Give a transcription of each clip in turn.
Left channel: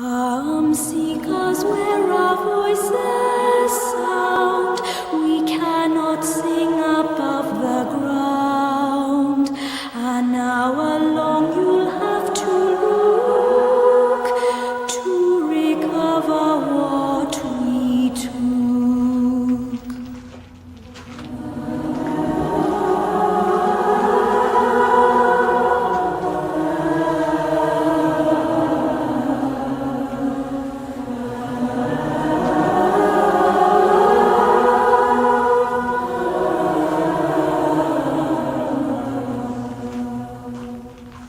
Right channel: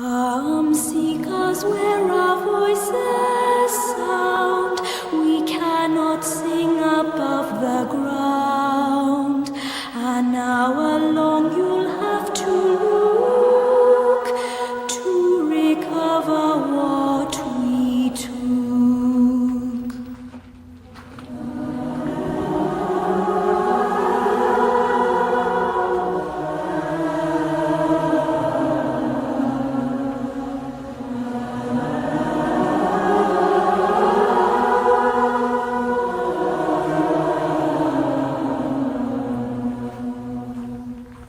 Come seek us where our voices sound. We cannot sing above the ground. An hour long you'll have to look to recover what we took.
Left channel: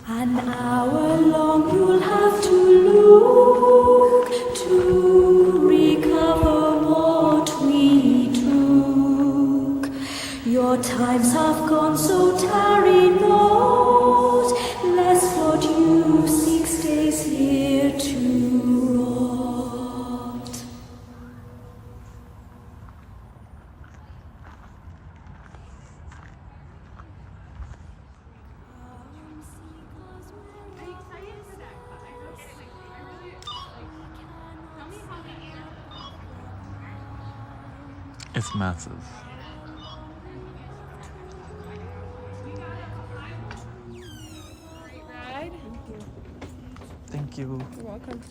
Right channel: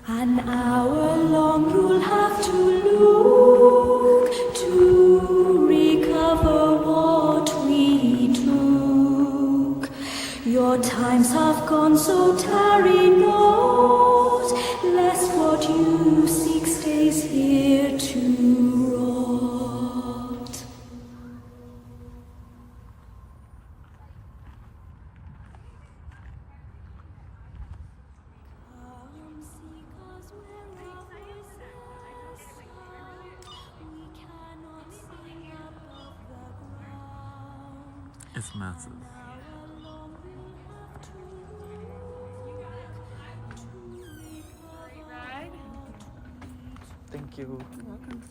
An hour long you'll have to look to recover what we took. Your times have gone, so tarry not, lest what you seek stays here to rot. Come seek us where our voices sound. We cannot sing above the ground. It's massive. Thank you. You're welcome.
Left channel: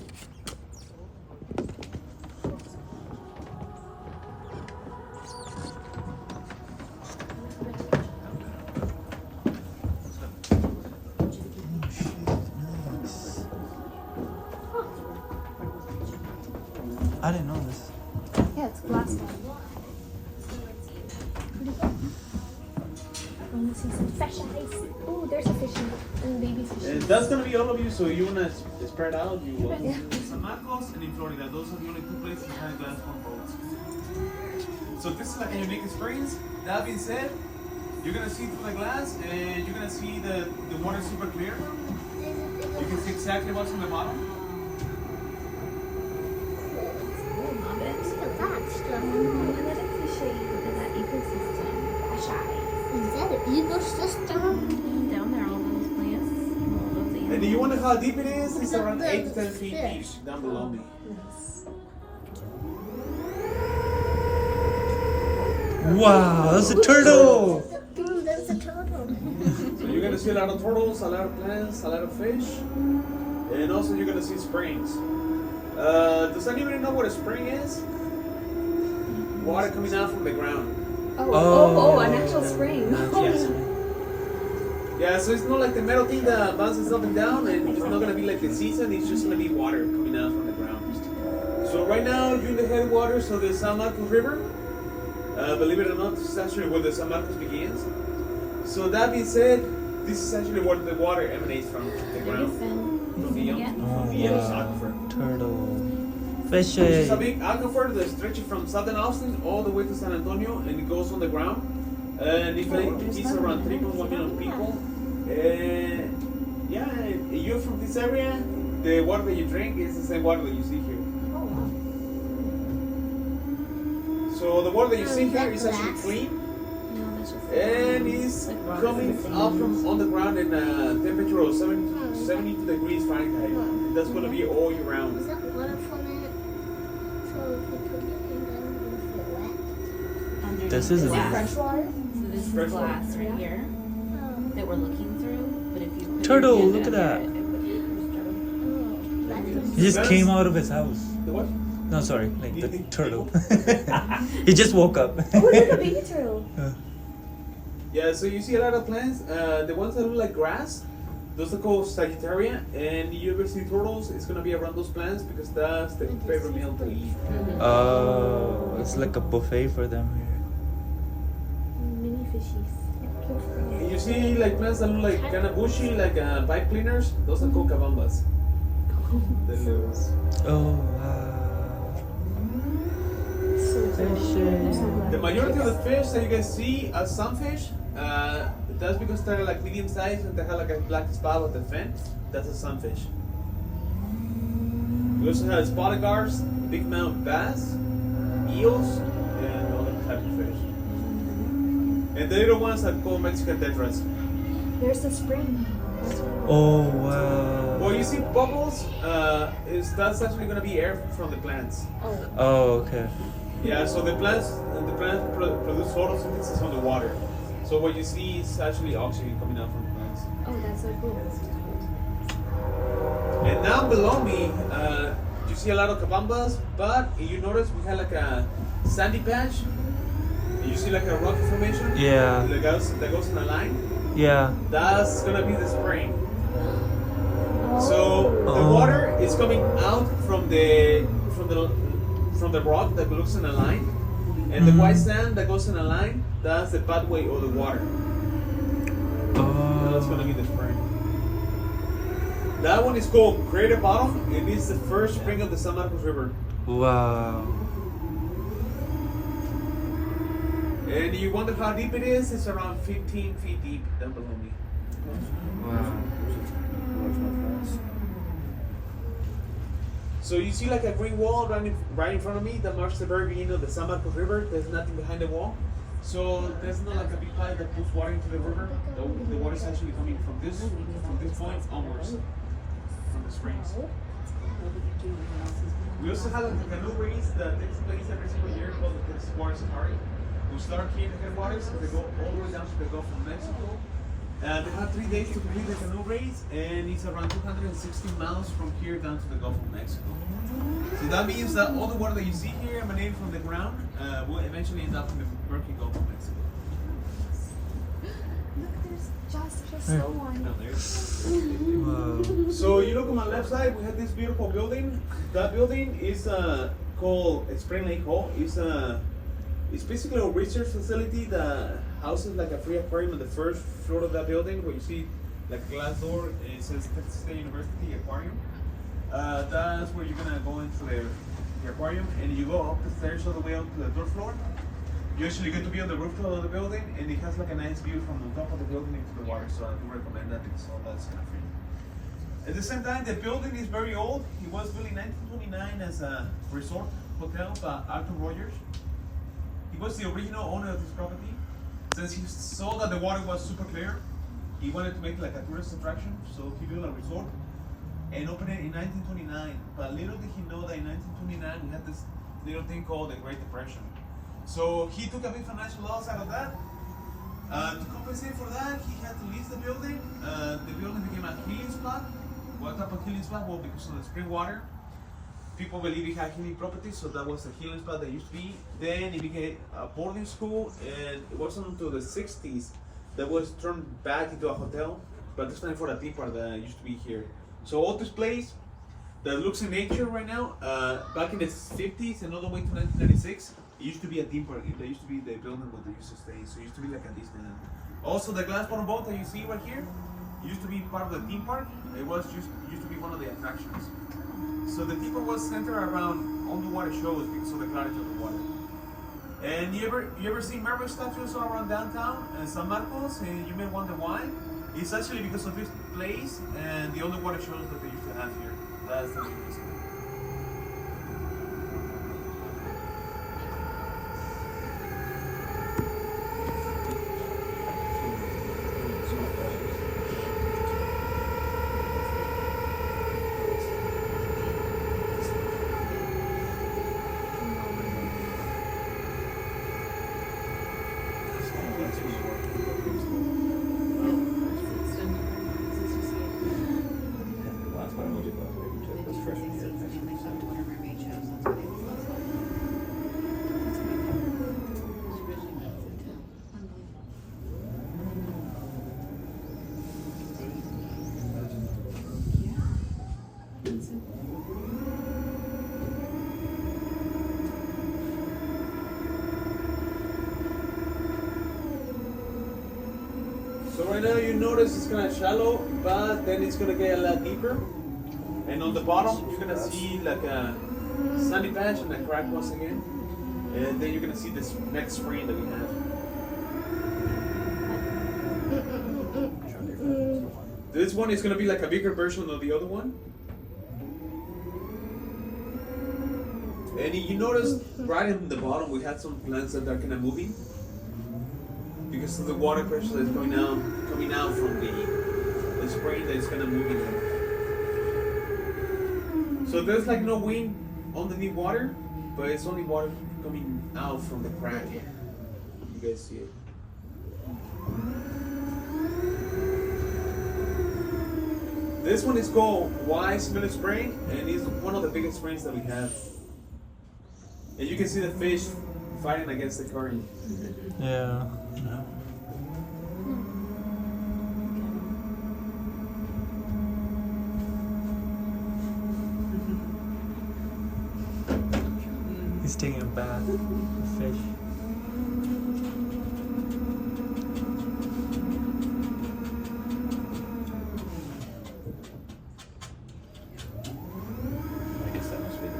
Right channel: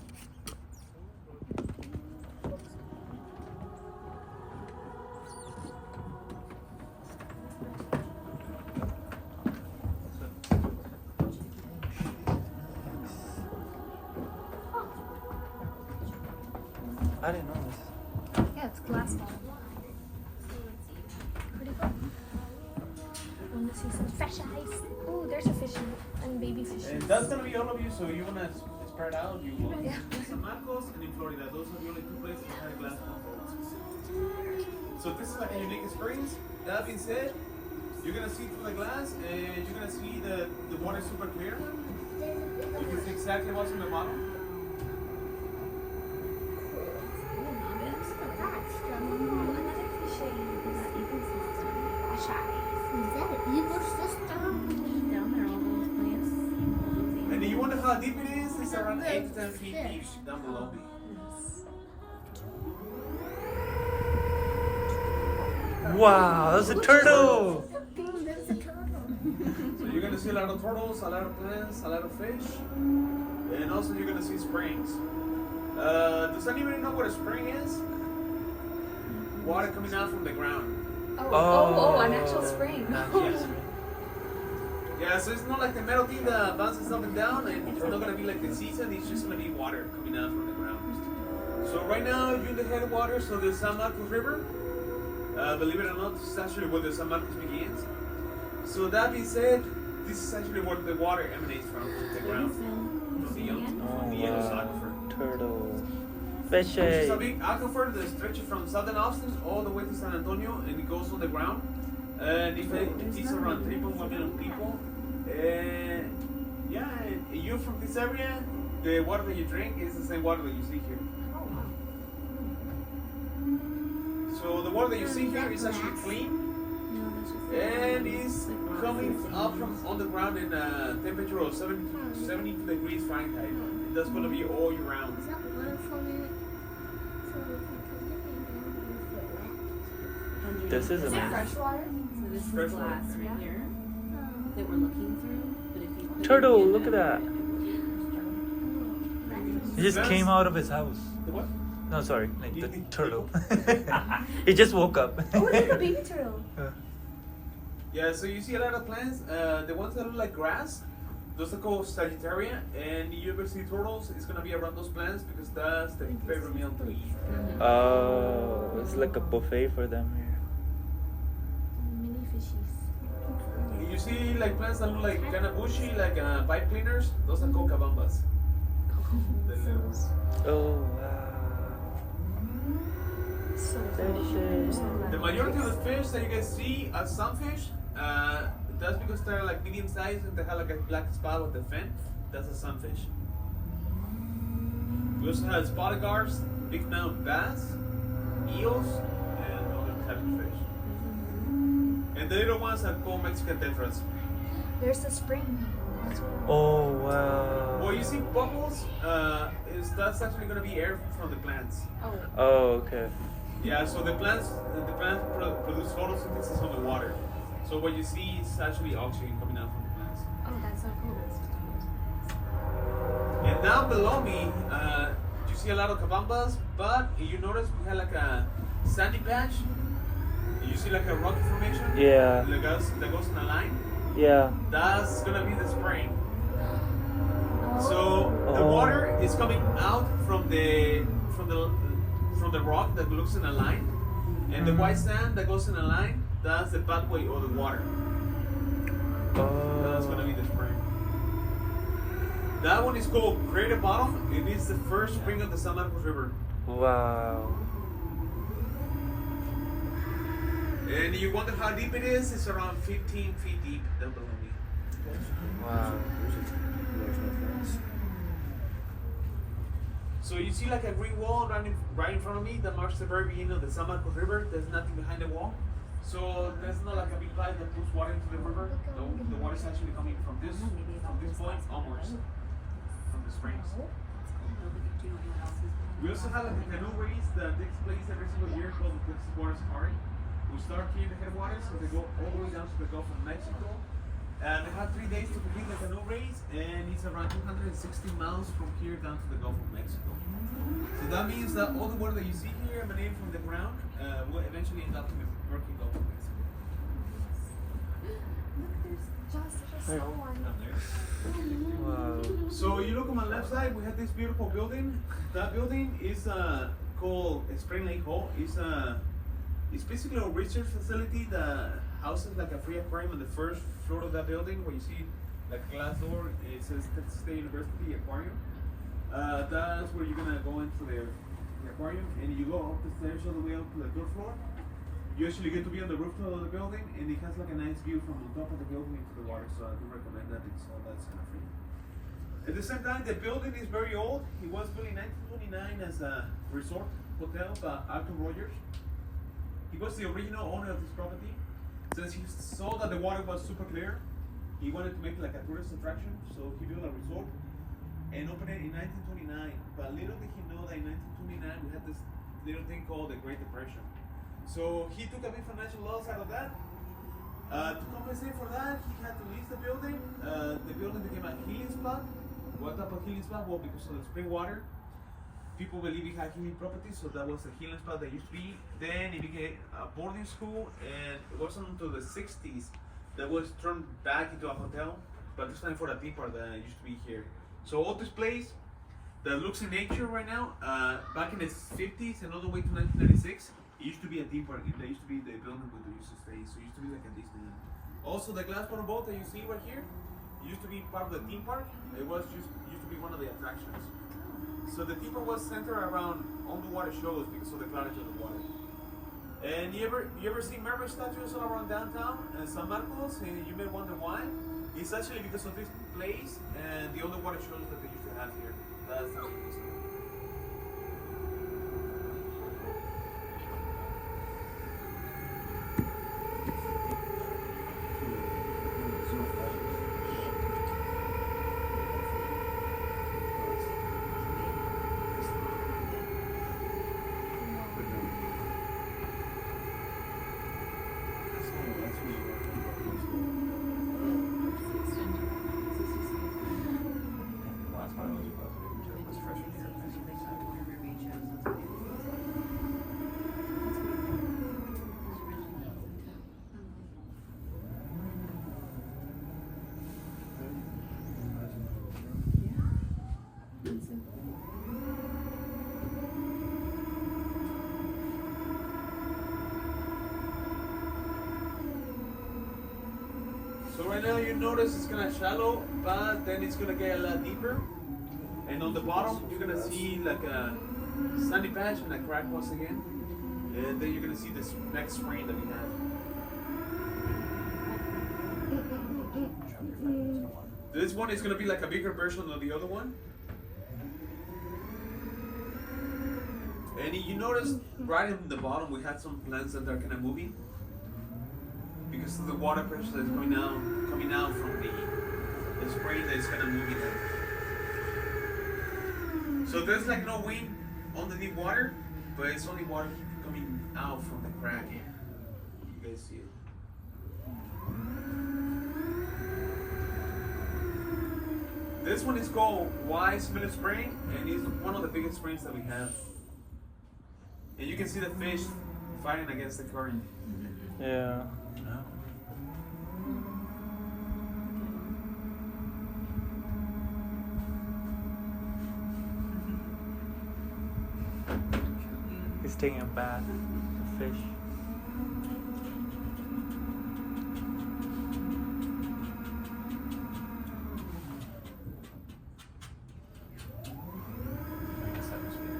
I didn't know this. Yeah, it's glass. Want to see some fish eyes? Oh, there's a fish and baby fish. And that's gonna be all of you, so you're gonna spread out. You will. Yeah. San Marcos and in Florida, those are the only two places that have glass compounds. So this is like a unique experience. That being said, you're gonna see through the glass and you're gonna see the water super clear. You can see exactly what's in the bottom. Look at that stuff. Another cliche. Look at that ecosystem. Fish eyes. Is that an ecosystem? Down there, all those plants, all those And do animals. you wonder how deep it is? It's Look at around the 8 to 10 feet fish. deep down below me. Wow, that's a turtle! Oh, there's a turtle. So you're gonna see a lot of turtles, a lot of plants, a lot of fish, and also you're gonna see springs. Does anybody know what a spring is? Water coming out from the ground. An actual spring. Yes. Yeah, so it's not like the metal thing that bounces up and down, and it's not gonna be like the season. It's just gonna be water coming out from the ground. So right now you're in the headwaters of the San Marcos River. Believe it or not, this is actually where the San Marcos begins. So that being said, this is actually where the water emanates from the ground, from the Meadows Aquifer. Turtle. Which is a Fishy. big aquifer that stretches from southern Austin all the way to San Antonio, and it goes on the ground. And it feeds around 3.1 million people. And yeah, you're from this area, the water that you drink is the same water that you see here. So the water that you see here is actually clean, and is coming up from on the ground in a temperature of 72 degrees Fahrenheit. And that's going to be all year Is round. that water from it? So if we put it in there, is it wet? This is glass. fresh water. So this is Fresh glass water. right here that we're looking through. But if you put Turtle, your hand look at down that. there, it would be Oh, He just came out of his house. The what? No, sorry, like the turtle. He just woke up. Oh, look, a baby turtle. Yeah, so you see a lot of plants. The ones that look like grass, those are called Sagittaria. And you ever see turtles, it's going to be around those plants because that's the favorite meal to eat. It's like a buffet for them. Mini fishies. And you see like plants that look like kind of bushy, like pipe cleaners. Those are called cabambas. The little. Oh, The majority of the fish that you guys see are sunfish. That's because they're like medium sized and they have like a black spot with the fin. That's a sunfish. We also have spotted gars, big mouth bass, eels, and other type of fish. And the little ones are called Mexican tetras. There's the spring. Oh wow. Well, you see bubbles, that's actually gonna be air from the plants. Oh. Oh okay. Yeah, so the plants produce photosynthesis on the water. So what you see is actually oxygen coming out from the plants. Oh, that's so cool. And down below me, you see a lot of cabambas, but you notice we had like a sandy patch. You see like a rock formation. Yeah. That goes in a line. Yeah. That's gonna be the spring. So the Oh. water is coming out from the rock that looks in a line, and the white sand that goes in a line. That's the pathway of the water. That's gonna be the spring. That one is called Crater Bottom. It is the first spring of the San Marcos River. Wow. And you wonder how deep it is? It's around 15 feet deep down below me. Wow. So you see like a green wall right in front of me that marks the very beginning of the San Marcos River. There's nothing behind the wall. So there's not like a big pipe that puts water into the river. The water is actually coming from this point onwards from the springs. We also have a canoe race that takes place every single year called the Water Safari. We start here in the headwaters and they go all the way down to the Gulf of Mexico. And we have 3 days to complete the canoe race, and it's around 260 miles from here down to the Gulf of Mexico. So that means that all the water that you see here emanating from the ground will eventually end up in the murky Gulf of Mexico. Look, there's just so one. Down there. Wow. So you look on my left side, we have this beautiful building. That building is called Spring Lake Hall. It's basically a research facility that houses like a free aquarium on the first floor of that building, where you see like a glass door. It says Texas State University Aquarium. That's where you're gonna go into the aquarium, and you go up the stairs all the way up to the third floor. You actually get to be on the rooftop of the building, and it has like a nice view from the top of the building into the water. So I do recommend that because all that's kind of free. At the same time, the building is very old. It was built in 1929 as a resort hotel by Arthur Rogers. He was the original owner of this property. Since he saw that the water was super clear, he wanted to make like a tourist attraction, so he built a resort and opened it in 1929. But little did he know that in 1929 we had this little thing called the Great Depression. So he took a big financial loss out of that. To compensate for that, he had to lease the building. The building became a healing spot. What type of healing spot? Well, because of the spring water. People believe it had healing properties, so that was the healing spot that used to be. Then it became a boarding school, and it wasn't until the 60s that was turned back into a hotel. But this time for the theme park that used to be here. So all this place that looks in nature right now, back in the 50s and all the way to 1996, it used to be a theme park. It used to be the building where they used to stay. So it used to be like a Disneyland. Also, the glass bottom boat that you see right here used to be part of the theme park. It used to be one of the attractions. So the theme park was centered around underwater shows because of the clarity of the water. And you ever see mermaid statues all around downtown in San Marcos? And you may wonder why. It's actually because of this place and the underwater shows that they used to have here. That's the reason. So right now you notice it's kind of shallow, but then it's gonna get a lot deeper. And on the bottom, you're gonna see like a sandy patch and a crack once again. And then you're gonna see this next spring that we have. This one is gonna be like a bigger version of the other one. And you notice right in the bottom we had some plants that are kind of moving because of the water pressure that's coming out from the spray that's gonna move it up. So there's like no wind underneath water, but it's only water coming out from the crack. You guys see it? This one is called Wise Middle Spring, and it's one of the biggest springs that we have. And you can see the fish fighting against the current. Yeah. He's taking a bath, a fish. I guess that must be it.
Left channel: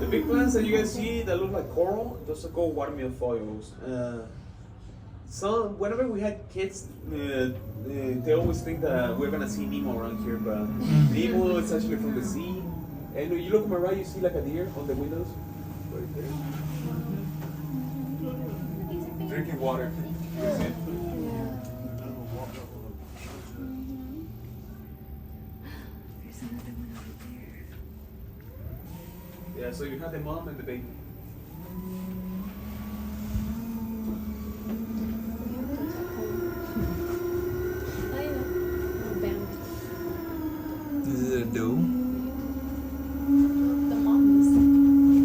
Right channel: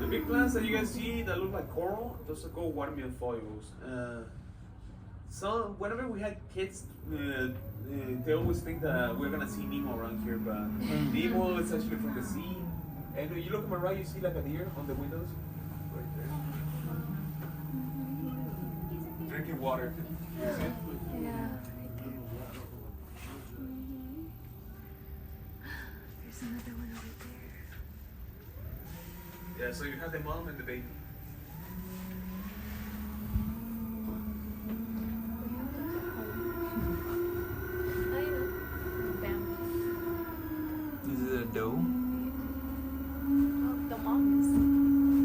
The big plants that you guys see that look like coral, those are called watermelon foils. So whenever we had kids, they always think that we're gonna see Nemo around here, but Nemo is actually from the sea. And when you look on my right, you see like a deer on the windows, right there, drinking water. Yeah, so you have the mom and the baby. This is a doe.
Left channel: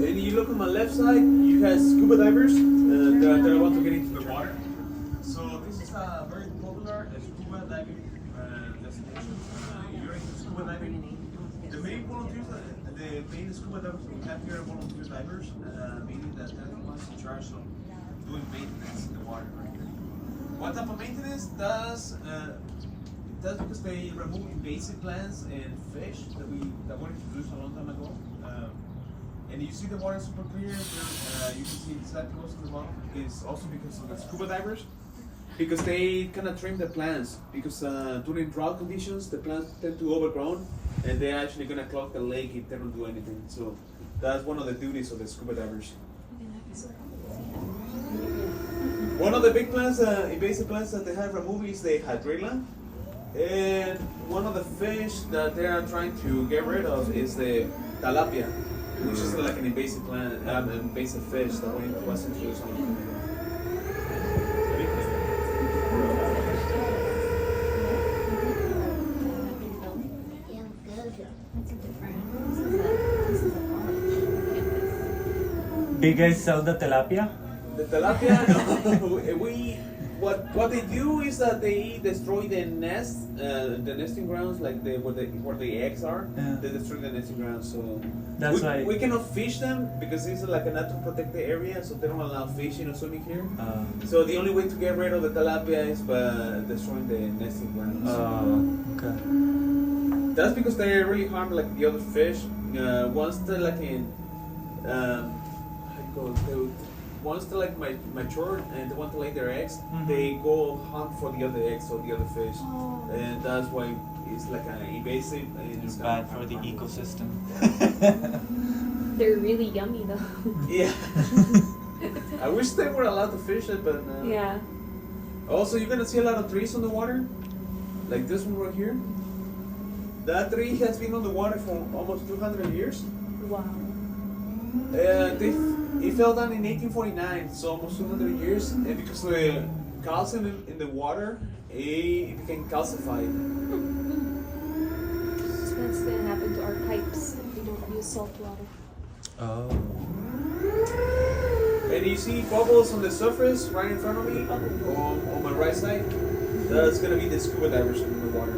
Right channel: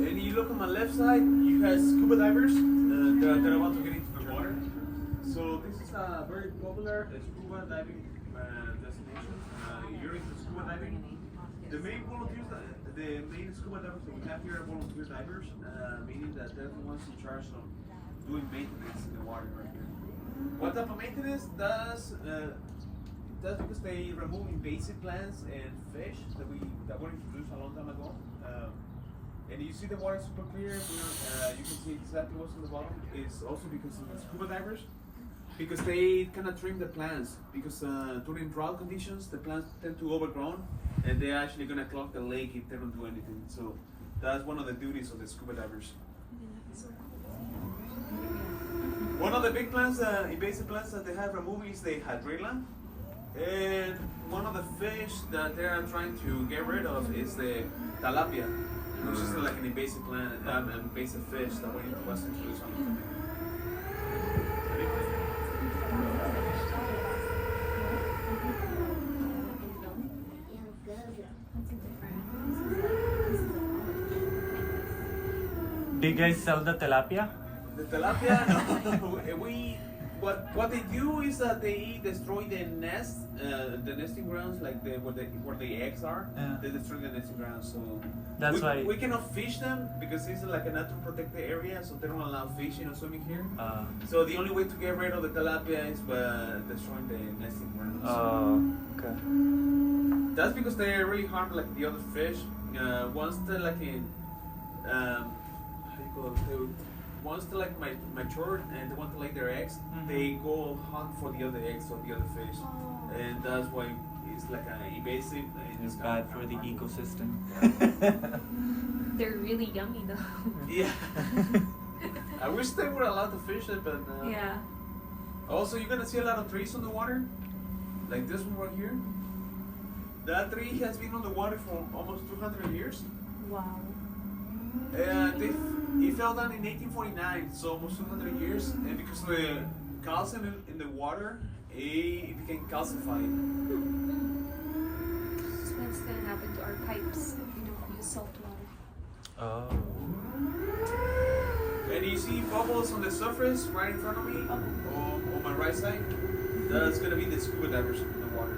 And you look on my left side, you have scuba divers that are about to get into the water. So this is a very popular scuba diving destination. You're into scuba diving. The main volunteers, the main scuba divers we have here are volunteer divers, meaning that they're the ones in charge of doing maintenance in the water. Right? What type of maintenance does? That's because they remove invasive plants and fish that were introduced a long time ago. And you see the water super clear. You can see exactly what's in the bottom. It's also because of the scuba divers, because they kind of trim the plants. Because during drought conditions, the plants tend to overgrown, and they're actually gonna clog the lake if they don't do anything. So that's one of the duties of the scuba divers. One of the big plants, invasive plants that they have removed is the hydrilla. And one of the fish that they are trying to get rid of is the tilapia, which is like an invasive plant, an invasive fish that was introduced on. Do you guys sell the tilapia? The tilapia, what they do is that they destroy the nest, the nesting grounds, like where the eggs are. Yeah. They destroy the nesting grounds, so That's why. we cannot fish them because it's like a natural protected area, so they don't allow fishing or swimming here. So the only way to get rid of the tilapia is by destroying the nesting grounds. Okay. That's because they really harm like the other fish. Once they're like in, how do you call it? Once they're like mature and they want to lay their eggs, they go hunt for the other eggs or the other fish, and that's why it's like an invasive. And It's bad for the ecosystem. They're really yummy though. Yeah. I wish they were allowed to fish it, but Yeah. Also, you're gonna see a lot of trees on the water, like this one right here. That tree has been on the water for almost 200 years. Wow. It fell down in 1849, so almost 200 years, and because of the calcium in the water, it became calcified. So what's gonna happen to our pipes if we don't use salt water? Oh. And you see bubbles on the surface right in front of me, on my right side. That's gonna be the scuba divers in the water.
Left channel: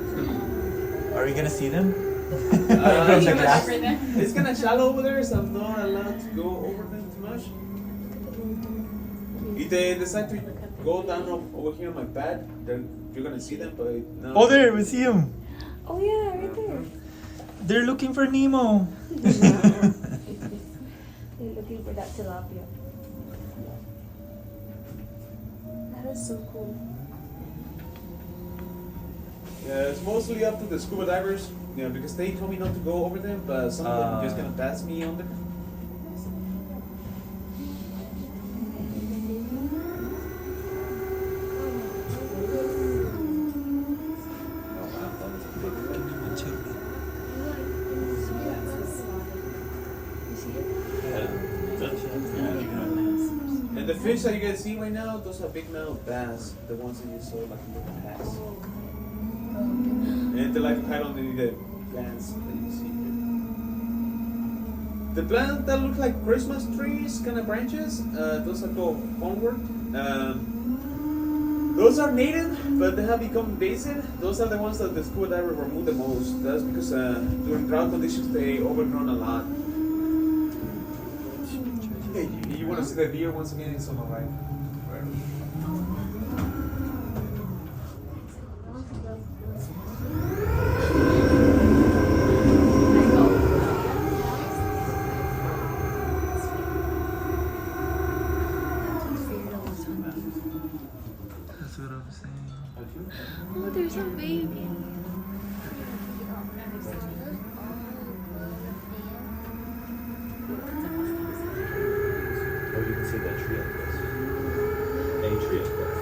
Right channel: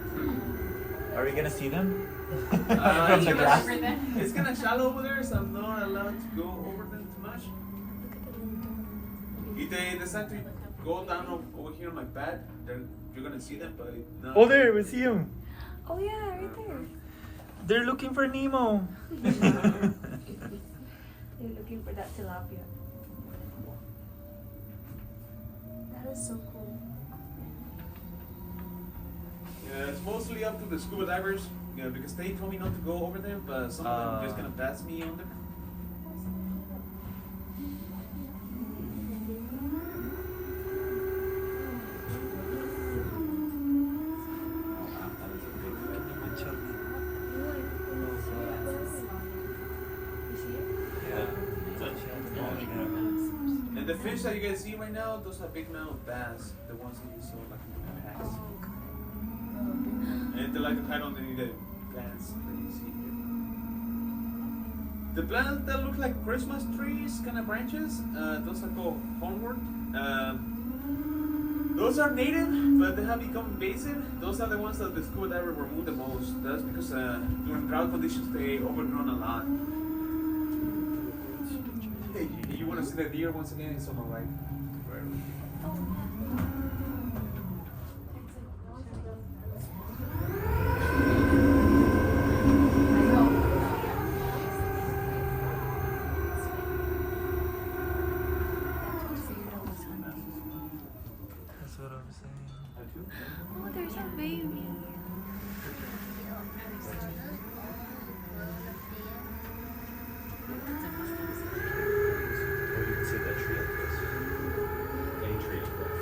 Are we gonna see them? Uh, From the glass? It's kind of shallow over there, so I'm not allowed to go over them too much. If they decide to go down over here on my pad, then you're gonna see them, but no. Oh, there, we see them. Oh yeah, right there. They're looking for Nemo. They're looking for that tilapia. That is so cool. Yeah, it's mostly up to the scuba divers, you know, because they told me not to go over them, but some of them are just gonna pass me on them. And the fish that you guys see right now, those are big mouth bass, the ones that you saw like in the past. And they like to hide underneath the plants that you see here. The plants that look like Christmas trees, kind of branches, those are called homeward. Those are native, but they have become invasive. Those are the ones that the scuba divers remove the most. That's because during drought conditions they overgrown a lot. Hey, you want to see the deer once again? It's on the right. That's what I'm saying. Oh, there's a baby. Oh, you can see that tree up close. Any tree up close.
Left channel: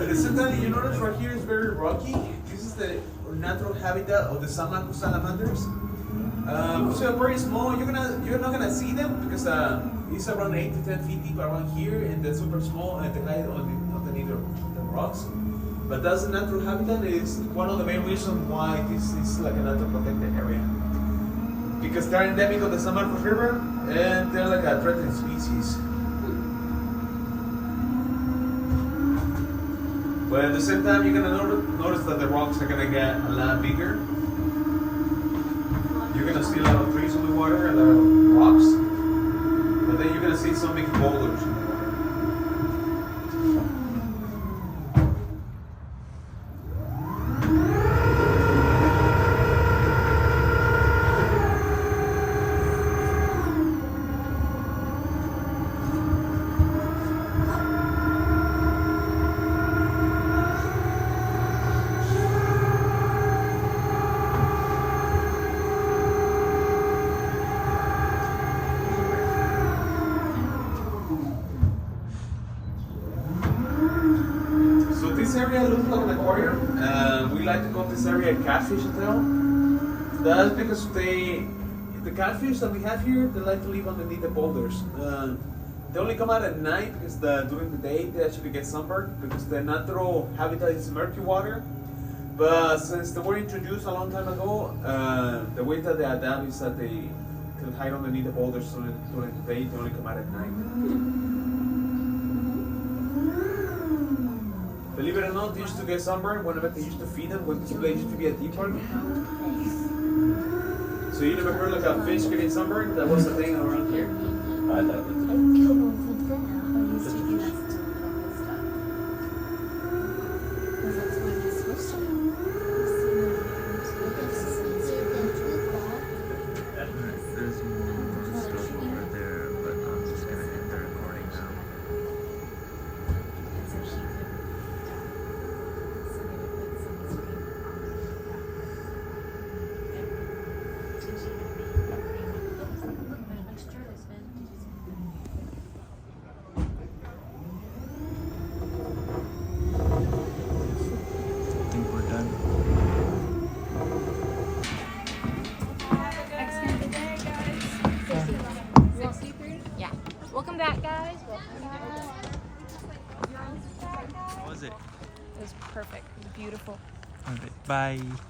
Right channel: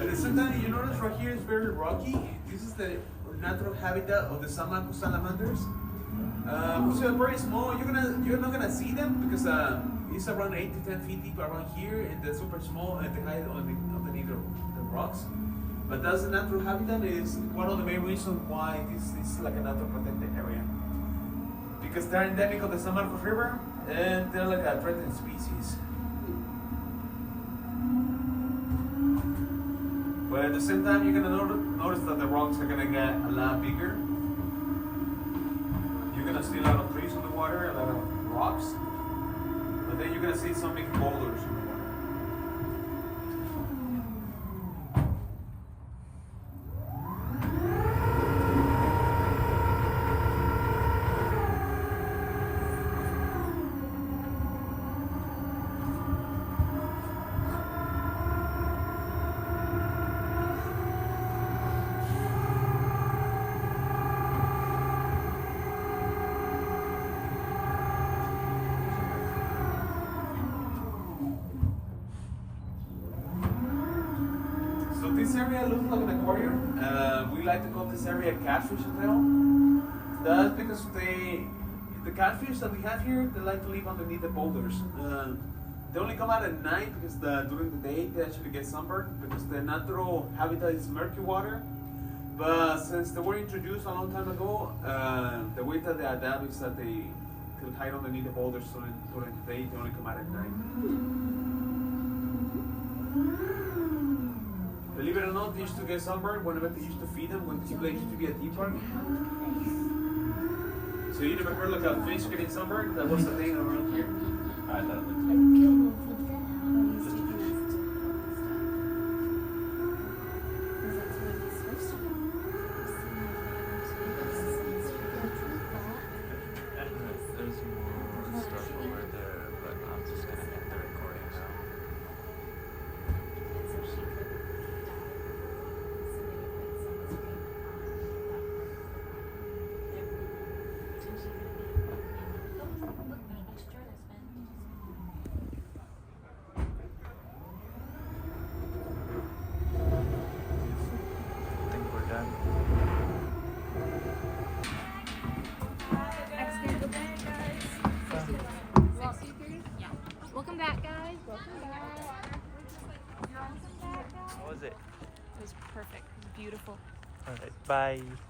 At the same time, you notice right here is very rocky. This is the natural habitat of the Samaku salamanders. So very small. You're not gonna see them because it's around 8 to 10 feet deep around here, and they're super small and they hide underneath the rocks. But that's the natural habitat. It's one of the main reasons why this is like a natural protected area. Because they're endemic of the Samaku River and they're like a threatened species. But at the same time, you're gonna notice that the rocks are gonna get a lot bigger. You're gonna see a lot of trees on the water, a lot of rocks, but then you're gonna see some big boulders in the water. So this area looks like an aquarium. We like to call this area catfish hotel. That's because the catfish that we have here, they like to live underneath the boulders. They only come out at night because during the day they actually get sunburned because the natural habitat is murky water. But since they were introduced a long time ago, the way that they adapt is that they hide underneath the boulders during the day. They only come out at night. Believe it or not, they used to get sunburned whenever they used to feed them when this place used to be a deep park. So you never heard like a fish getting sunburned? That was the thing around here. I thought it was There's more stuff over there, but I'm just gonna end the recording now. Bye.